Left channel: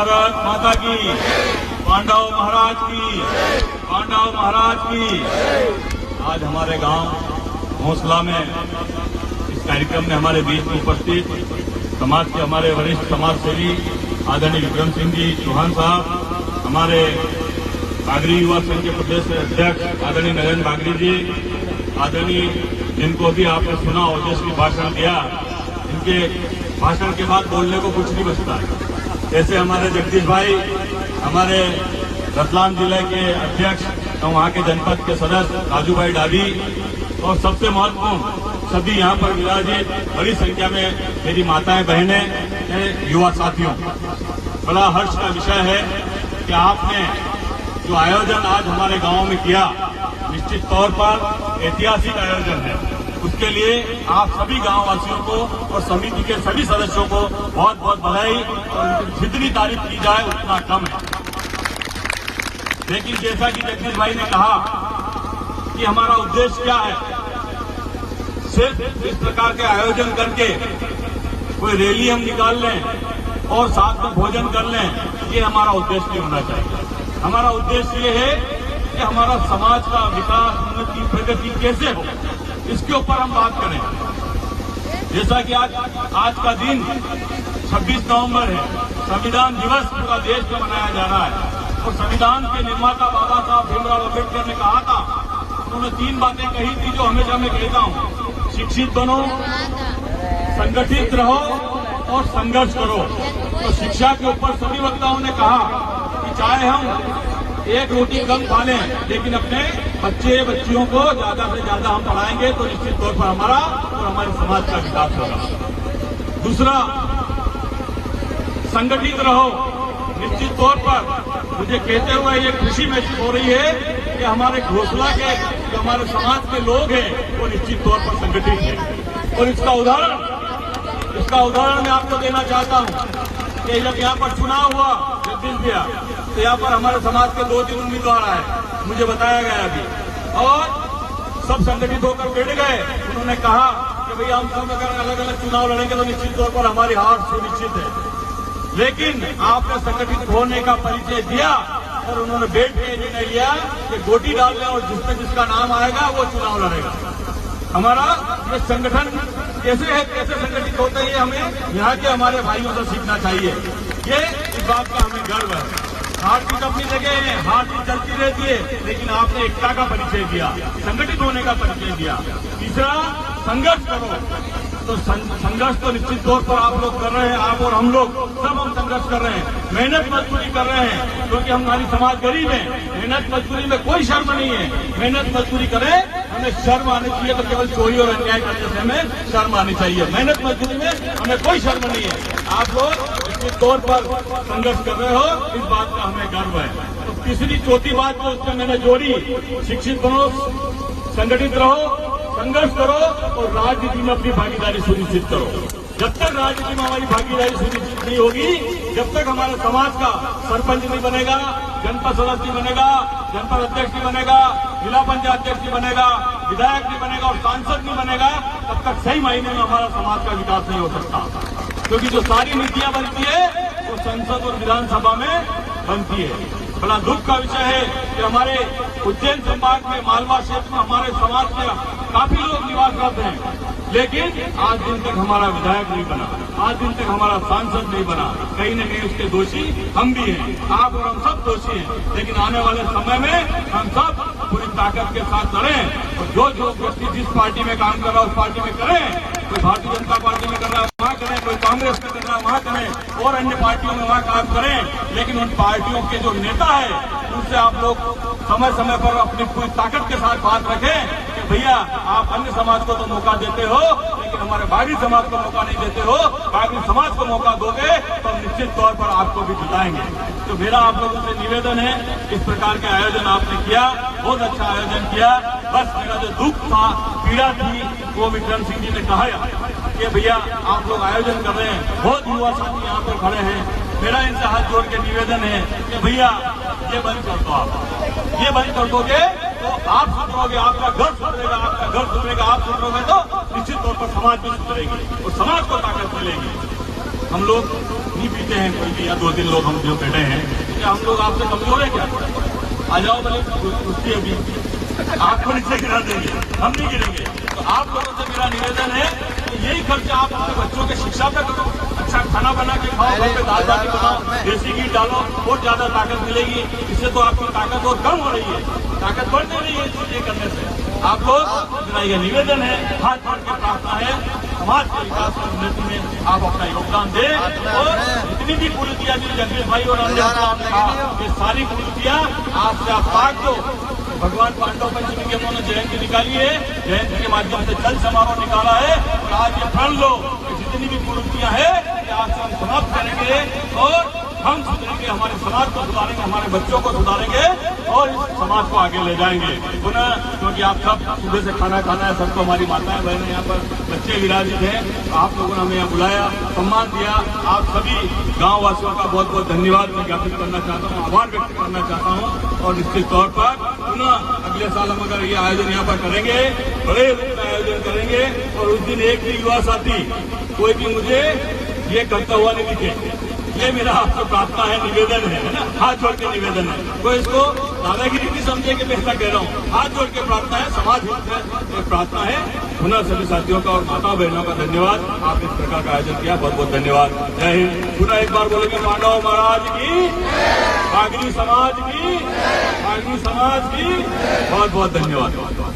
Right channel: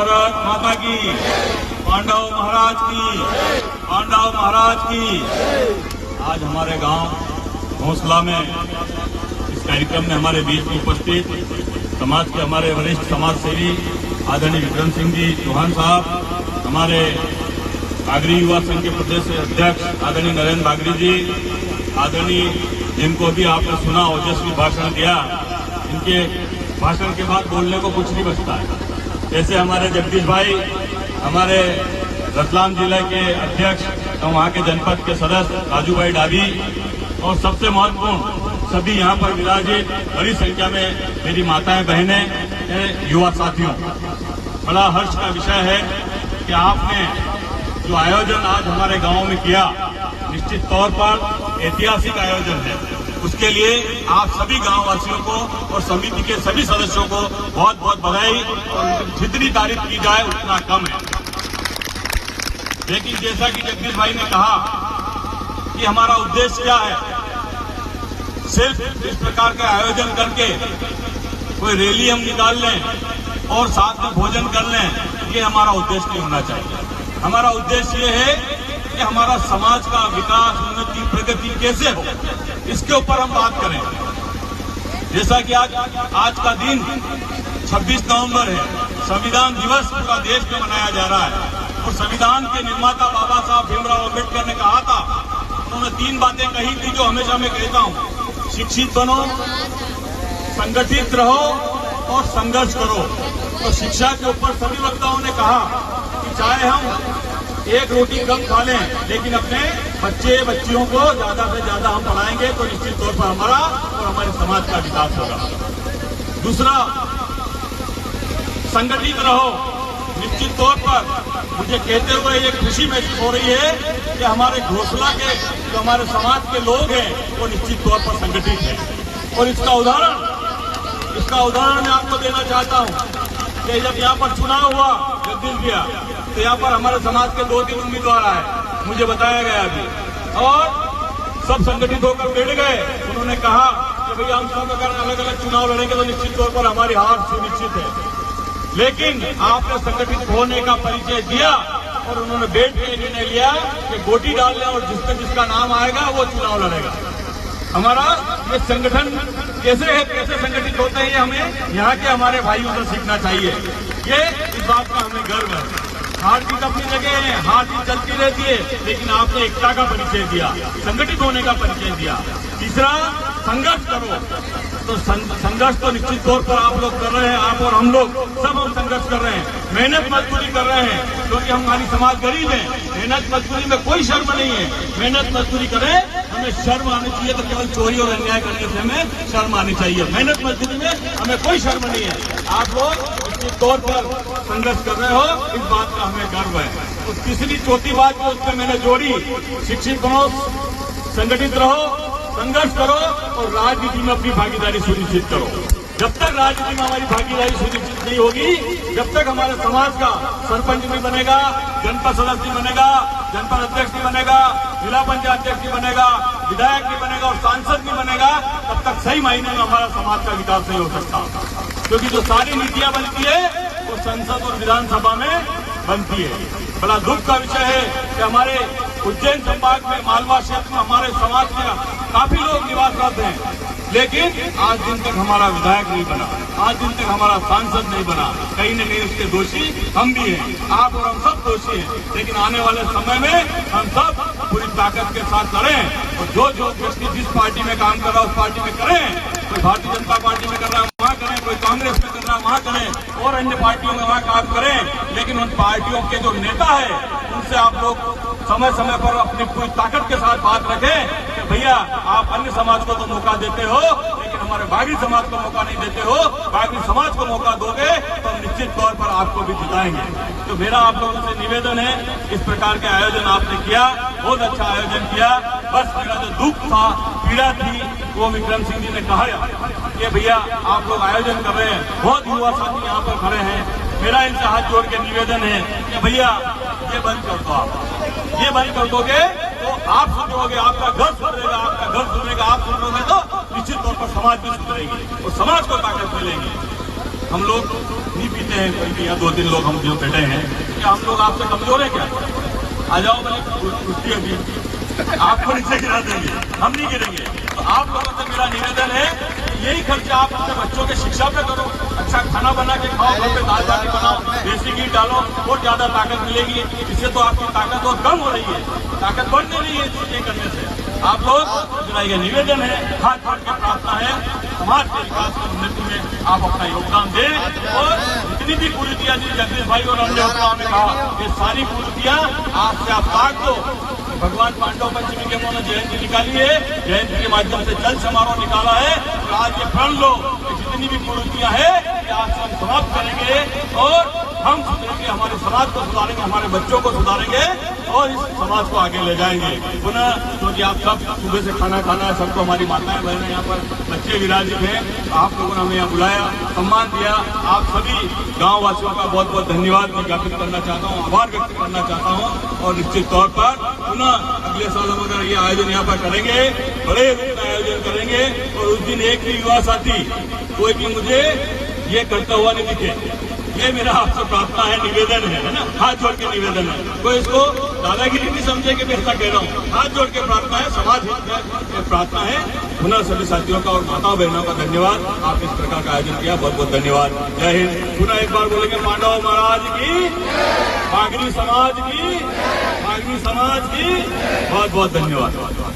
भारत माता की, पांडव महाराज की, पांडव महाराज की। आज हमारे गांव हौसला में इस कार्यक्रम में हमारे बीच में उपस्थित समाज के हमारे वरिष्ठ समाज सेवी आदरणीय विक्रम सिंह जी चौहान साहब, हमारे बागरी युवा संघ के प्रदेश अध्यक्ष आदरणीय नरेंद्र बागरी जी, आदरणीय जिनको भी आपने सुना ओजस्वी भाषण दिया, उनके भाषण के बाद बोलने को कुछ नहीं बचता है। ऐसे हमारे जगदीश भाई, हमारे रतलाम जिले के अध्यक्ष और वहां के जनपद के सदस्य राजू भाई डाभी, और सबसे महत्वपूर्ण सभी यहाँ पर विराजित बड़ी संख्या में मेरी माताएं बहनें, मेरे युवा साथियों, बड़ा हर्ष का विषय है कि आपने जो आयोजन आज हमारे गांव में किया, निश्चित तौर पर ऐतिहासिक आयोजन है। उसके लिए आप सभी गांववासियों को और समिति के सभी सदस्यों को बहुत बहुत बधाई, और जितनी तारीफ की जाए उतना कम है। लेकिन जैसा कि जगदीश भाई ने कहा कि हमारा उद्देश्य क्या है, सिर्फ इस प्रकार के आयोजन करके कोई रैली हम निकाल लें और साथ में भोजन कर लें, ये हमारा उद्देश्य नहीं होना चाहिए। हमारा उद्देश्य ये है कि हमारा समाज का विकास, उन्नति, प्रगति कैसे हो, इसके ऊपर हम बात करें। जैसा कि आज का दिन 26 नवंबर है, संविधान दिवस पूरा देश में मनाया जा रहा है, और संविधान के निर्माता बाबा साहब भीमराव अम्बेडकर ने कहा था, उन्होंने 3 बातें कही थी जो हमेशा मैं कहता हूं: शिक्षित बनो, संगठित रहो और संघर्ष करो। तो शिक्षा के ऊपर सभी वक्ताओं ने कहा कि चाहे हम एक रोटी कम खा लें, लेकिन अपने बच्चे बच्चियों को ज्यादा से ज्यादा हम पढ़ाएंगे तो निश्चित तौर पर हमारा और हमारे समाज का विकास होगा। दूसरा, संगठित रहो। निश्चित तौर पर मुझे कहते हुए ये खुशी महसूस हो रही है कि हमारे घोषला के जो हमारे समाज के लोग हैं वो निश्चित तौर पर संगठित हैं। और इसका उदाहरण मैं आपको देना चाहता हूं कि जब यहाँ पर चुनाव हुआ जगदीश भैया, तो यहाँ पर हमारे समाज के 2-3 उम्मीदवार आए, मुझे बताया गया अभी, और सब संगठित होकर बैठ गए। उन्होंने कहा कि भैया हम सब अगर अलग अलग चुनाव लड़ेंगे तो निश्चित तौर पर हमारी हार सुनिश्चित है। लेकिन आपने संगठित होने का परिचय दिया और उन्होंने बैठ के निर्णय लिया कि गोटी डाल लें और जिसका नाम आएगा वो चुनाव लड़ेगा। हमारा ये संगठन कैसे है, कैसे संगठित होते हैं, हमें यहाँ के हमारे भाइयों से सीखना चाहिए। ये इस बात का हमें गर्व है। हार जीत अपनी जगह है, हार जीत चलती रहती है, लेकिन आपने एकता का परिचय दिया, संगठित होने का परिचय दिया। तीसरा, संघर्ष करो। तो संघर्ष तो निश्चित तौर पर आप लोग कर रहे हैं, आप और हम लोग सब हम संघर्ष कर रहे हैं, मेहनत मजदूरी कर रहे हैं, क्योंकि हमारी समाज गरीब है। मेहनत मजदूरी में कोई शर्म नहीं है, मेहनत मजदूरी करें, हमें शर्म आनी चाहिए तो केवल चोरी और अन्याय करने से हमें शर्म आनी चाहिए। मेहनत मजदूरी में हमें कोई शर्म नहीं है। आप लोग निश्चित तौर पर संघर्ष कर रहे हो, इस बात का हमें गर्व है। तो तीसरी चौथी बात जो उसमें मैंने जोड़ी, शिक्षित बनो, संगठित रहो, संघर्ष करो और राजनीति में अपनी भागीदारी सुनिश्चित करो। जब तक राजनीति में हमारी भागीदारी सुनिश्चित नहीं होगी, जब तक हमारे समाज का सरपंच नहीं बनेगा, जनपद सदस्य नहीं बनेगा, जनपद अध्यक्ष नहीं बनेगा, जिला पंचायत अध्यक्ष नहीं बनेगा, विधायक नहीं बनेगा और सांसद नहीं बनेगा, तब तक सही मायने में हमारा समाज का विकास नहीं हो सकता। क्योंकि जो सारी नीतियां बनती है वो संसद और विधानसभा में बनती है। बड़ा दुख का विषय है कि हमारे उज्जैन संभाग में, मालवा क्षेत्र में हमारे समाज के काफी लोग निवासरत हैं, लेकिन आज दिन तक हमारा विधायक नहीं बना, आज दिन तक हमारा सांसद नहीं बना। कहीं न कहीं उसके दोषी हम भी हैं, आप और हम सब दोषी हैं। लेकिन आने वाले समय में हम सब पूरी ताकत के साथ करें, और जो व्यक्ति जिस पार्टी में काम कर रहा है उस पार्टी में करें। कोई भारतीय जनता पार्टी में कर रहा है वहां करें, कोई कांग्रेस में कर रहा है वहां करें, और अन्य पार्टियों में वहां काम करें। लेकिन उन पार्टियों के जो नेता है उनसे आप लोग समय समय पर अपनी पूरी ताकत के साथ बात रखें कि भैया आप अन्य समाज को तो मौका देते हो, लेकिन हमारे बागी समाज को मौका नहीं देते हो। बागी समाज को मौका दोगे तो निश्चित तौर पर आपको भी जिताएंगे। तो मेरा आप लोगों से निवेदन है, इस प्रकार के आयोजन आपने किया, बहुत अच्छा आयोजन किया। बस मेरा जो दुख था, पीड़ा थी, वो विक्रम सिंह जी ने कहा कि भैया आप लोग आयोजन कर रहे हैं, बहुत युवा साथी यहाँ पर खड़े हैं, मेरा इनसे हाथ जोड़ के निवेदन है कि भैया ये बंद कर दो। आप ये बंद कर दोगे तो आप सुधरोगे, आपका घर सुधरेगा, आपका घर सुधरेगा, आप सुधरोगे तो निश्चित तौर पर समाज भी सुधरेगी, तो समाज को ताकत मिलेगी। हम लोग नहीं पीते हैं कोई भी, या 2-3 लोग हम जो बैठे हैं, क्या हम लोग आपसे कमजोर है क्या? आ जाओ भले कुश्ती अभी आपको नीचे गिरा देंगे, हम नहीं गिरेंगे। तो आप लोगों से मेरा निवेदन है कि यही खर्चा आप अपने बच्चों के शिक्षा पे करो, अच्छा खाना बना के खाओ, घर पे दाल बाटी बनाओ, देसी घी डालो, और ज्यादा ताकत मिलेगी। इससे तो आपकी ताकत और कम हो रही है, ताकत बढ़ नहीं है ये करने से। आप लोग मेरा ये निवेदन है, हाथ जोड़ के प्रार्थना है, समाज के विकास और उन्नति में आप अपना योगदान दें। और जितनी भी कुरीतियां दी जगदीश भाई और ये सारी कुरीतियां आपसे आप काट दो। भगवान पांडव पंचमी के उन्होंने जयंती निकाली है, जयंती के माध्यम से जल समारोह निकाला है, और आज ये प्रण लो कि जितनी भी कुरीतियां है आप सब समाप्त करेंगे और हम सुधरेंगे, हमारे समाज को सुधारेंगे, हमारे बच्चों को सुधारेंगे और इस समाज को आगे ले जाएंगे। पुनः क्योंकि आप सब सुबह से खाना खाना है, सबको हमारी माताएं बहनें यहाँ पर बच्चे विराजित हैं, आप लोगों ने हमें यहाँ बुलाया, सम्मान दिया। आप सभी गाँव वासियों का बहुत बहुत धन्यवाद मैं ज्ञापित करना चाहता हूँ, आभार व्यक्त करना चाहता हूँ। और निश्चित तौर पर पुनः अगले साल हम अगर ये आयोजन यहाँ पर करेंगे, बड़े रूप का आयोजन करेंगे, और उस दिन एक भी युवा साथी कोई भी मुझे ये करता हुआ नहीं दिखे। ये मेरा आपसे प्रार्थना है, निवेदन है ना, हाथ जोड़ के निवेदन है। तो इसको दादागिरी नहीं समझे कि मैं ऐसा कह रहा हूँ, हाथ जोड़ के प्रार्थना है, समाज में प्रार्थना है। पुनः सभी साथियों का और माता बहनों का धन्यवाद, आप इस प्रकार का आयोजन किया, बहुत बहुत धन्यवाद। जय हिंद। पुनः एक बार बोलेंगे पांडव महाराज की, नागरी समाज की, नागरी समाज की बहुत बहुत धन्यवाद।